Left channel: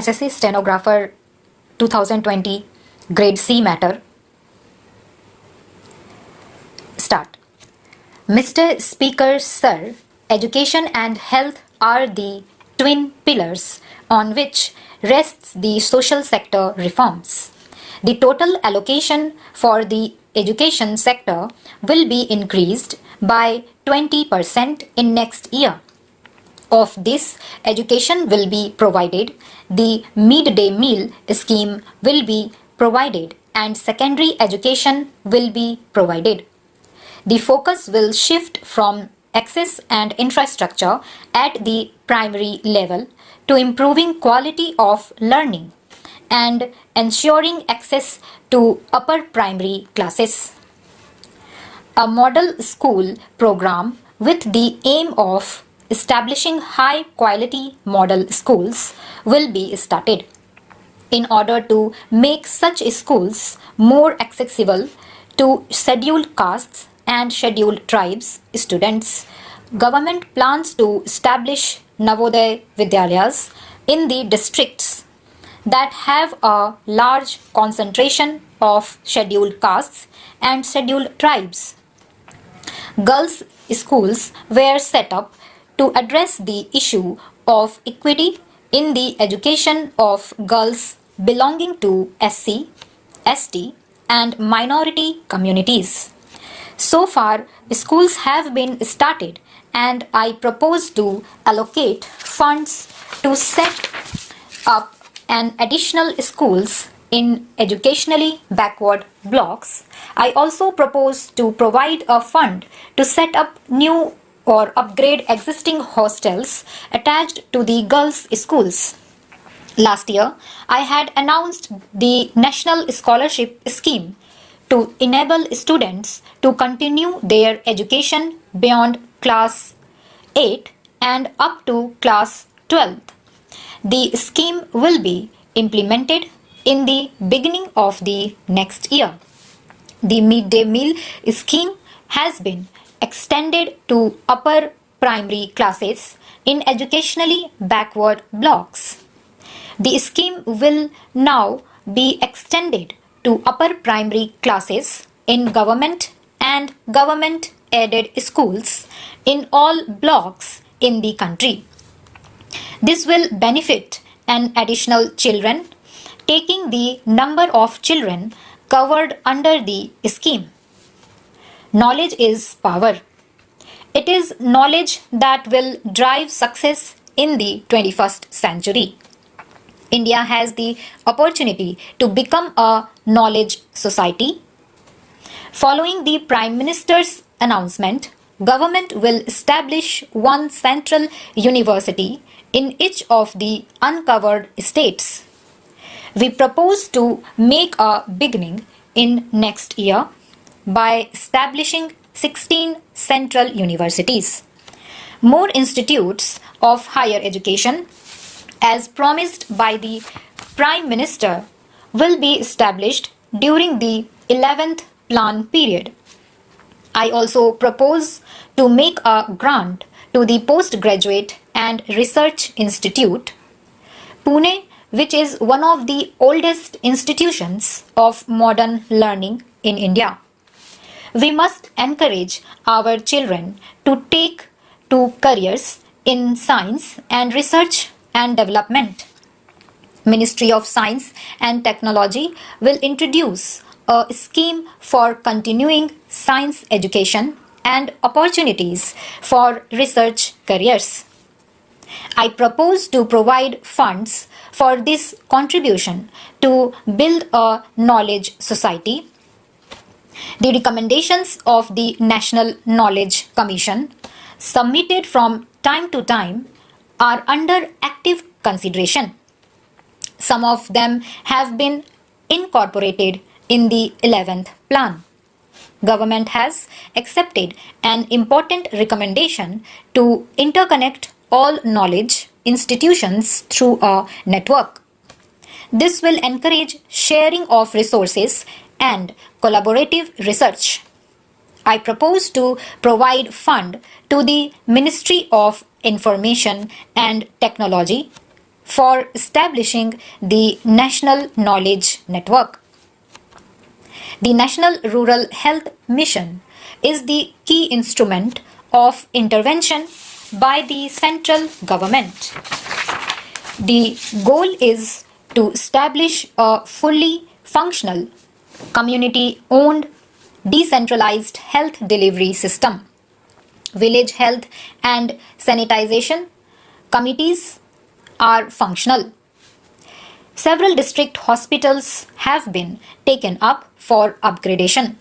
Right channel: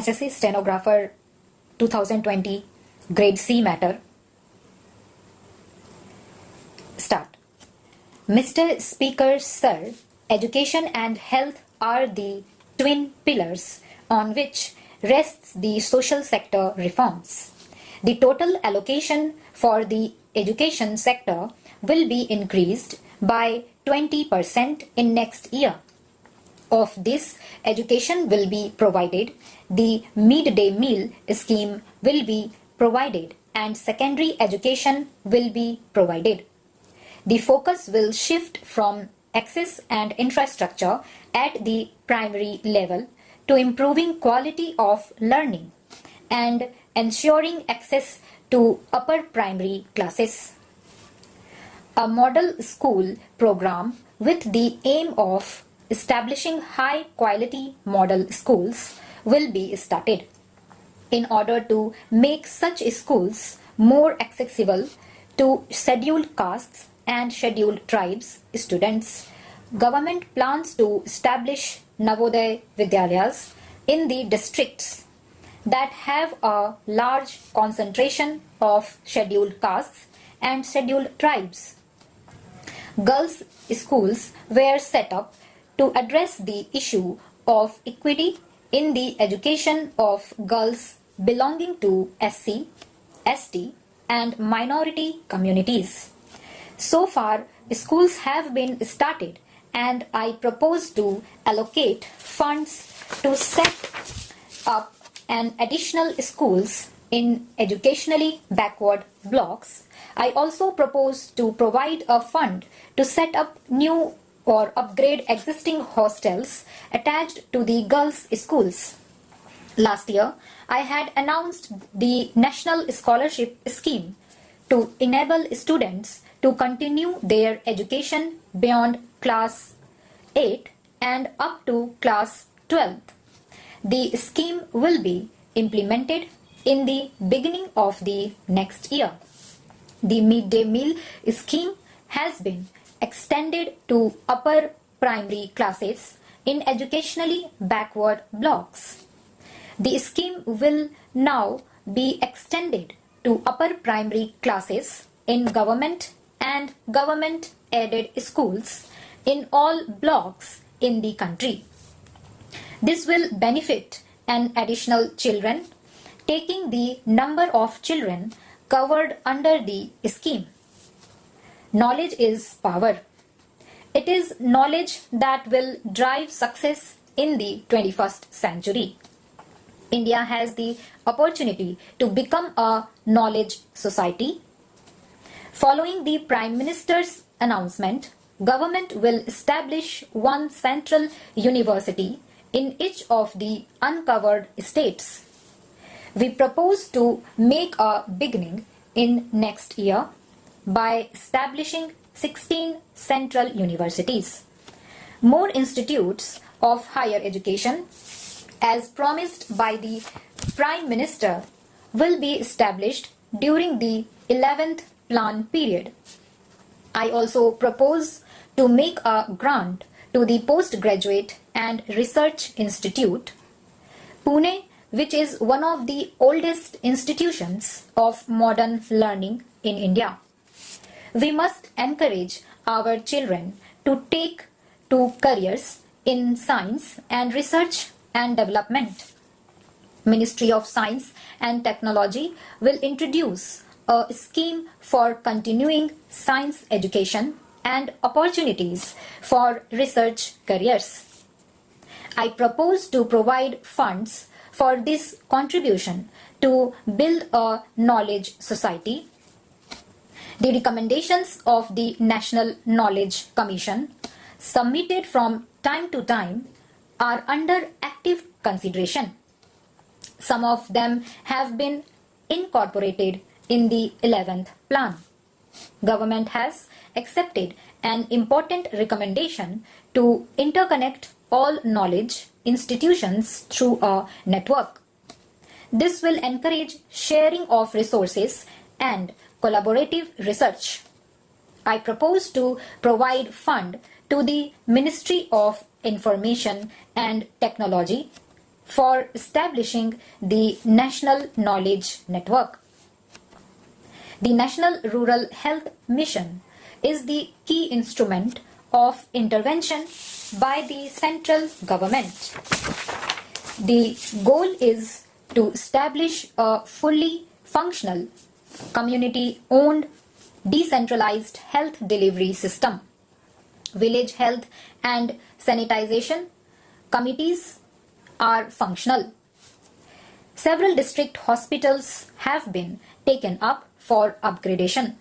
SSC Stenographer 2020 Grade C matter. Start. Mr. Speaker, Sir, education and health are the twin pillars on which rests the social sector reforms. The total allocation for the education sector will be increased by 20% in next year. Of this, education will be provided, the midday meal scheme will be provided, and secondary education will be provided. The focus will shift from access and infrastructure at the primary level to improving quality of learning and ensuring access to upper primary classes. A model school program with the aim of establishing high quality model schools will be started. In order to make such schools more accessible to scheduled castes and scheduled tribes students, government plans to establish Navodaya Vidyalayas in the districts that have a large concentration of scheduled castes and scheduled tribes. Girls' schools were set up to address the issue of equity in the education of girls belonging to SC, ST, and minority communities. So far, schools have been started, and I propose to allocate funds to set up an additional schools in educationally backward blocks. I also propose to provide a fund to set up new or upgrade existing hostels attached to the girls' schools. Last year, I had announced the National Scholarship Scheme to enable students to continue their education beyond class 8 and up to class 12. The scheme will be implemented in the beginning of the next year. The midday meal scheme has been extended to upper primary classes in educationally backward blocks. The scheme will now be extended to upper primary classes in government and government-aided schools in all blocks in the country. This will benefit an additional children, taking the number of children covered under the scheme. Knowledge is power. It is knowledge that will drive success in the 21st century. India has the opportunity to become a knowledge society. Following the Prime Minister's announcement, government will establish one central university in each of the uncovered states. We propose to make a beginning in next year by establishing 16 central universities. More institutes of higher education, as promised by the Prime Minister, will be established during the 11th plan period. I also propose to make a grant to the Postgraduate and Research Institute, Pune, which is one of the oldest institutions of modern learning in India. We must encourage our children to take to careers in science and research and development. Ministry of Science and Technology will introduce a scheme for continuing science education and opportunities for research careers. I propose to provide funds for this contribution to build a knowledge society. The recommendations of the National Knowledge Commission, submitted from time to time, are under active consideration. Some of them have been incorporated in the 11th plan. Government has accepted an important recommendation to interconnect all knowledge institutions through a network. This will encourage sharing of resources and collaborative research. I propose to provide fund to the Ministry of Information and Technology for establishing the National Knowledge Network. The National Rural Health Mission is the key instrument of intervention by the central government. The goal is to establish a fully functional, community-owned, decentralized health delivery system. Village health and sanitization committees are functional. Several district hospitals have been taken up for upgradation.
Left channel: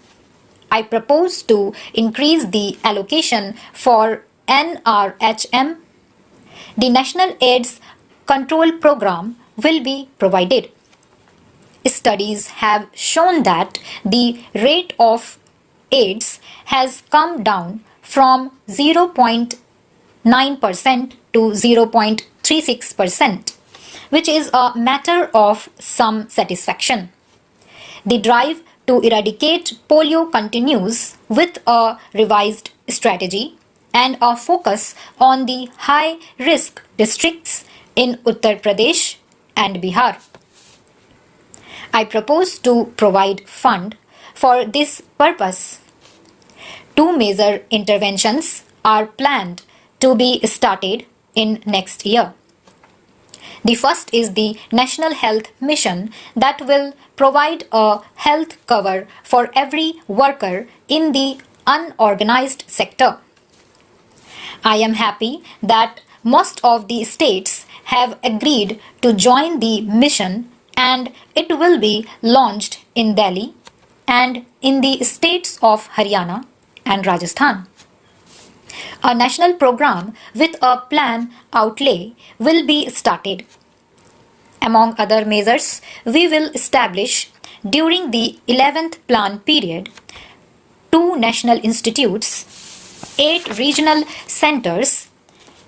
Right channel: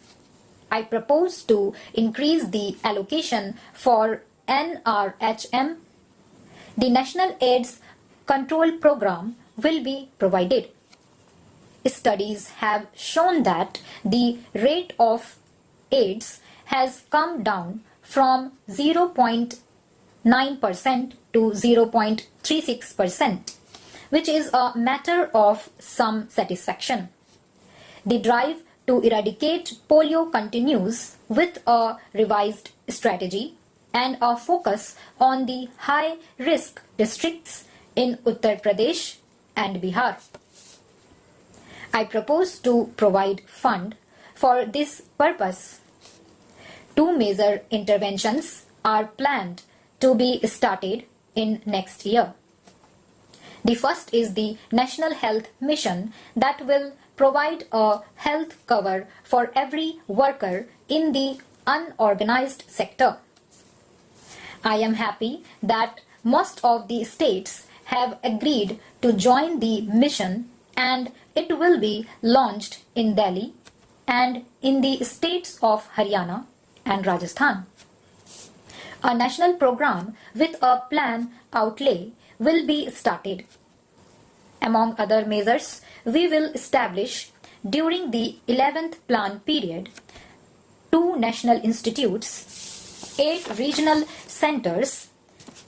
I propose to increase the allocation for NRHM. The National AIDS Control Program will be provided. Studies have shown that the rate of AIDS has come down from 0.9% to 0.36%, which is a matter of some satisfaction. The drive to eradicate polio continues with a revised strategy and a focus on the high-risk districts in Uttar Pradesh and Bihar. I propose to provide fund for this purpose. Two major interventions are planned to be started in next year. The first is the National Health Mission that will provide a health cover for every worker in the unorganized sector. I am happy that most of the states have agreed to join the mission, and it will be launched in Delhi and in the states of Haryana and Rajasthan. A national program with a plan outlay will be started. Among other measures, we will establish during the 11th plan period 2 national institutes, 8 regional centers,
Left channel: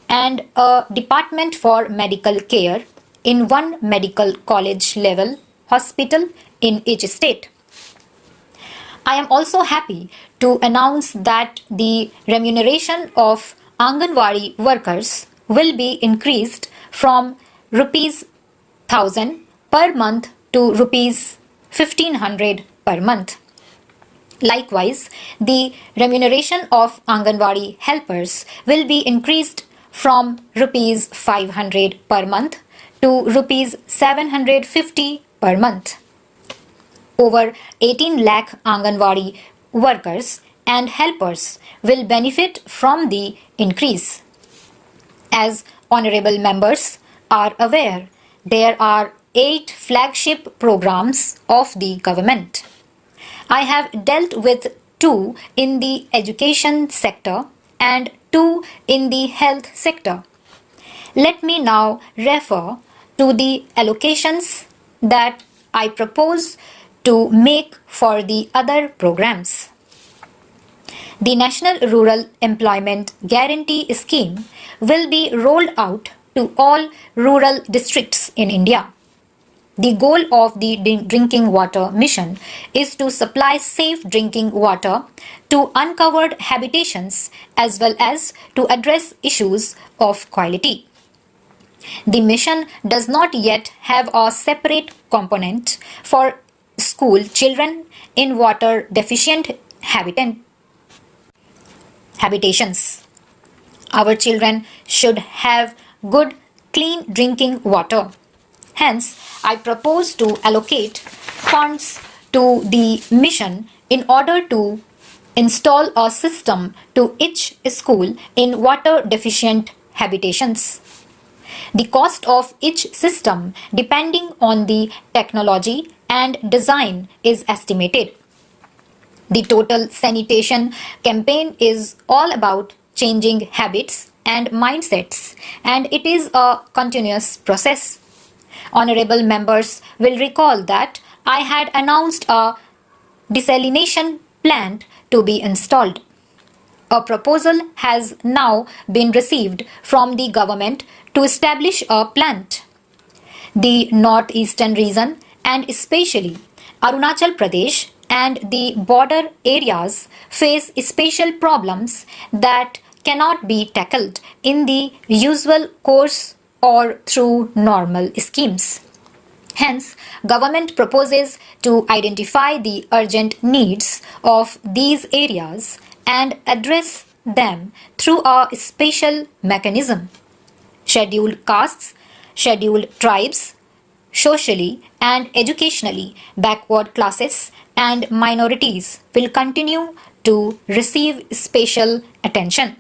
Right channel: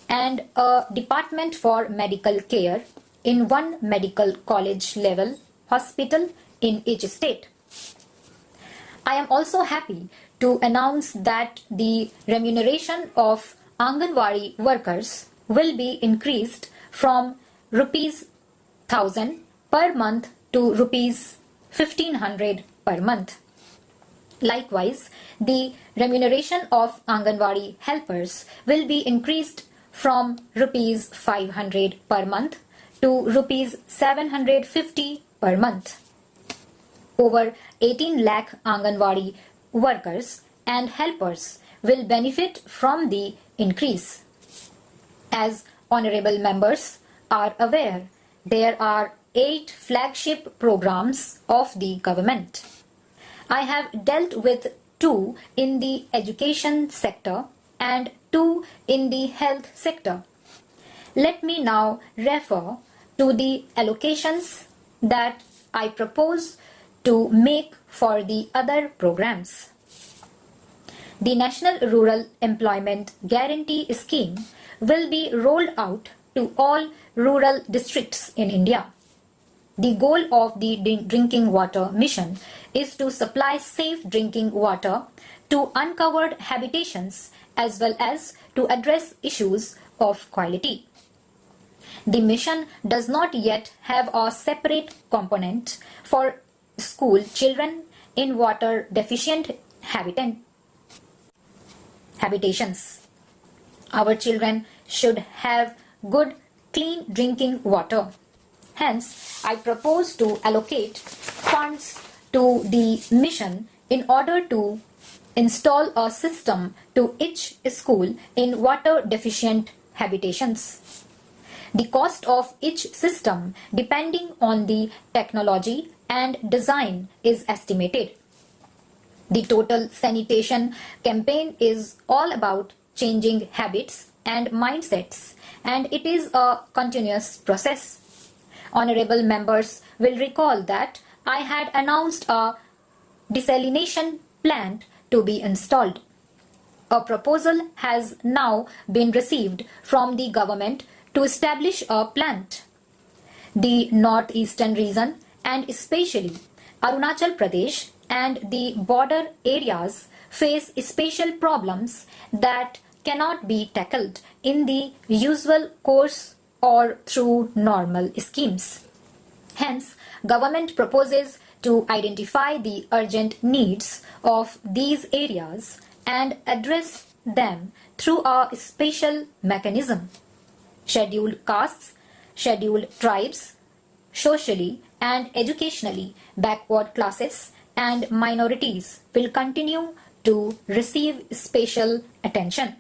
and a department for medical care in 1 medical college level hospital in each state. I am also happy to announce that the remuneration of Anganwadi workers will be increased from rupees 1,000 per month to rupees 1,500 per month. Likewise, the remuneration of Anganwadi helpers will be increased from rupees 500 per month to rupees 750 per month. Over 18 lakh Anganwadi workers and helpers will benefit from the increase. As honorable members are aware, there are 8 flagship programs of the government. I have dealt with 2 in the education sector and 2 in the health sector. Let me now refer to the allocations that I propose to make for the other programs. The National Rural Employment Guarantee Scheme will be rolled out to all rural districts in India. The goal of the Drinking Water Mission is to supply safe drinking water to uncovered habitations as well as to address issues of quality. The mission does not yet have a separate component for school children in water deficient habitations. Our children should have good, clean drinking water. Hence, I propose to allocate funds to the mission in order to install a system to each school in water deficient habitations. The cost of each system, depending on the technology and design, is estimated. The total sanitation campaign is all about changing habits and mindsets, and it is a continuous process. Honorable members will recall that I had announced a desalination plant to be installed. A proposal has now been received from the government to establish a plant. The northeastern region and especially Arunachal Pradesh and the border areas face special problems that cannot be tackled in the usual course or through normal schemes. Hence, government proposes to identify the urgent needs of these areas and address them through a special mechanism. Scheduled castes, scheduled tribes, socially and educationally backward classes and minorities will continue to receive special attention.